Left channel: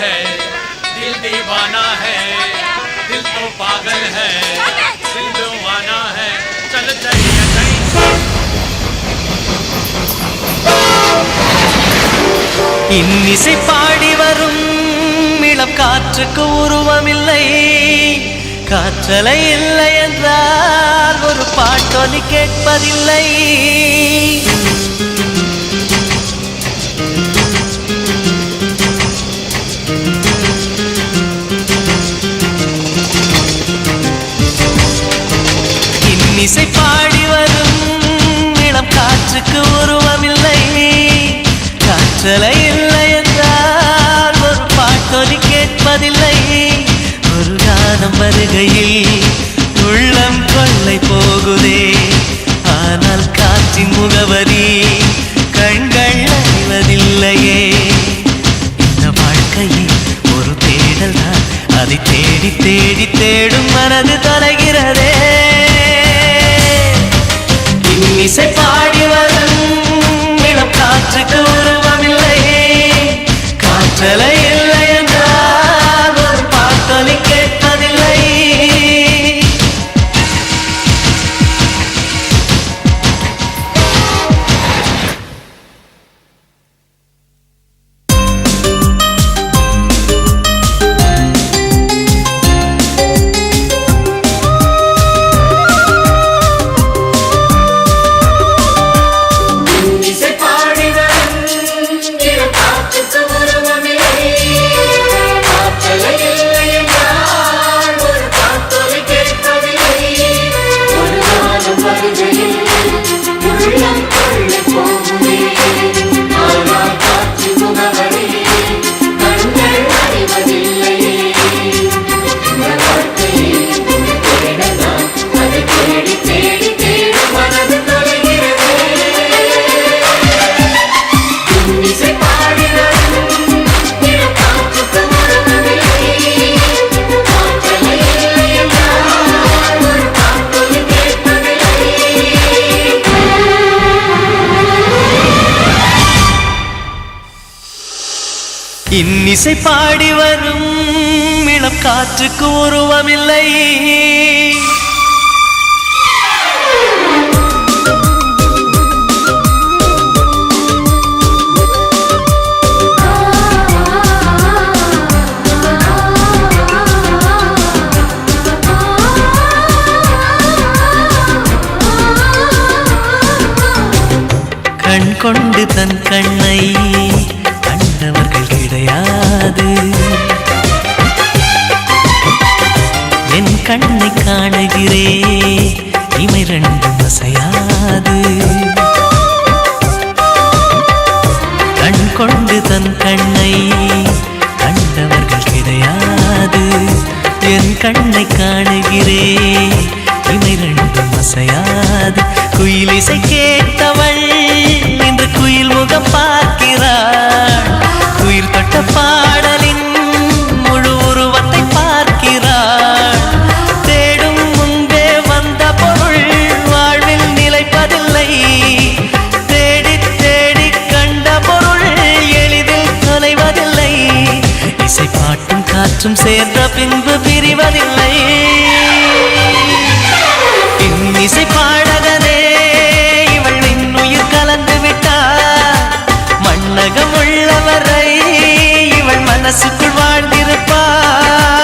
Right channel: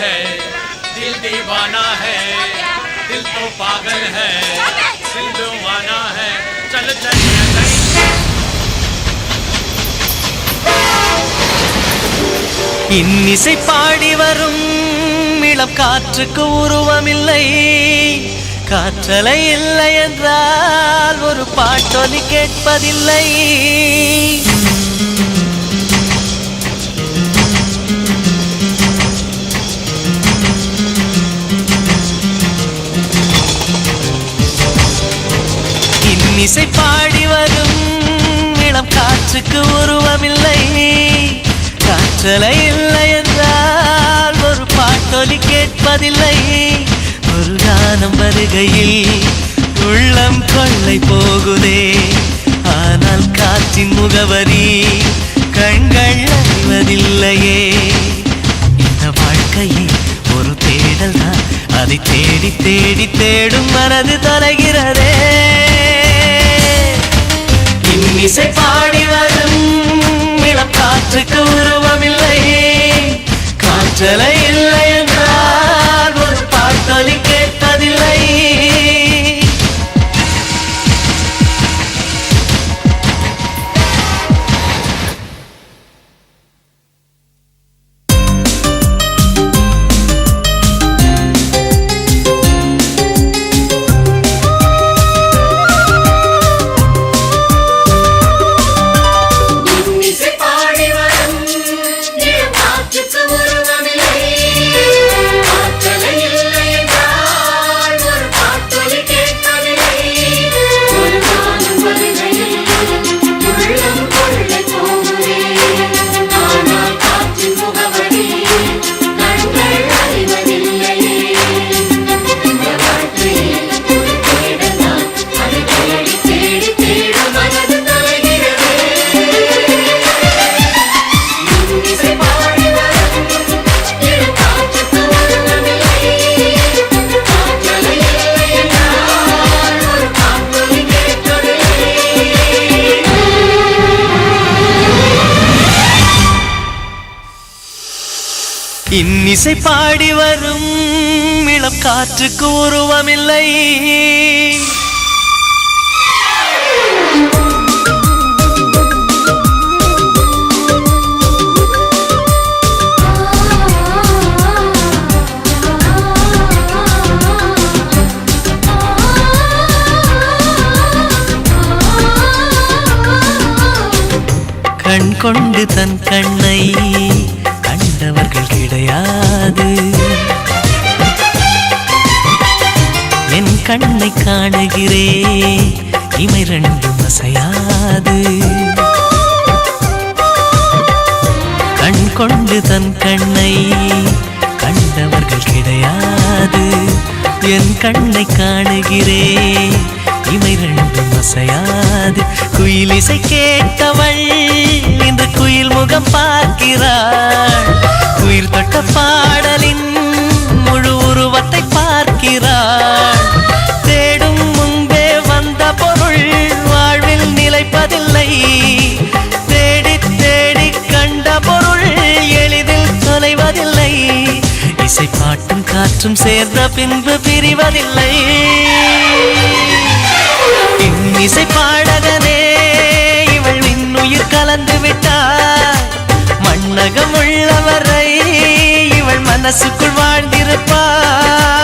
है, दिल दीवाना है, दिल तो पागल है, दिल दीवाना है, चल चलिए कहीं। இன்னிசை பாடி வரும் இளம் காற்றுக்கு உருவமில்லை, காற்றலை இல்லை என்றால் ஒரு பாட்டொலி கேட்பதில்லை. இன்னிசை பாடி வரும் இளம் காற்றுக்கு உருவமில்லை, காற்றலை இல்லை என்றால் ஒரு பாட்டொலி கேட்பதில்லை. ஒரு கானம் வருகையில் உள்ளம் கொள்ளை போகுதே, ஆனால் காற்றின் முகவரி கண்கள் அறிவதில்லையே. இந்த வாழ்க்கையே ஒரு தேடல் தான், அதை தேடி தேடி தேடும் மனது தொலைகிறதே. இன்னிசை பாடி வரும் இளம் காற்றுக்கு உருவமில்லை, காற்றலை இல்லை என்றால் ஒரு பாட்டொலி கேட்பதில்லை. இன்னிசை பாடி வரும் இளம் காற்றுக்கு உருவமில்லை, கண் கொண்டு தன் கண்ணை கண்டவர்கள் கிடையாது, என் கண்ணை காணுகிறே இமை ரெண்டும் அசையாது. கண் கொண்டு தன் கண்ணை கண்டவர்கள் கிடையாது, என் கண்ணை காணுகிறே இமை ரெண்டும் அசையாது. குயிலிசை கேட்டவள் இன்று குயில் முகம் பார்க்கிறாள், குயில் தொட்ட பாடலின் முழு உருவத்தை பார்க்கிறாள். தேடும் முன்பே வந்த பொருள் வாழ்வில் நிலைப்பதில்லை, தேடி தேடி கண்ட பொருள் எளிதில் தொலைவதில்லை. இசை பாட்டும் காற்றும் சேர்ந்த பின்பு பிரிவதில்லை. இன்னிசை பாடகனே இவள் இன்னுயிர் கலந்து விட்டார், மண்ணகம் உள்ளவரை இவள் மனசுக்குள் வாழ்ந்திருப்பார்.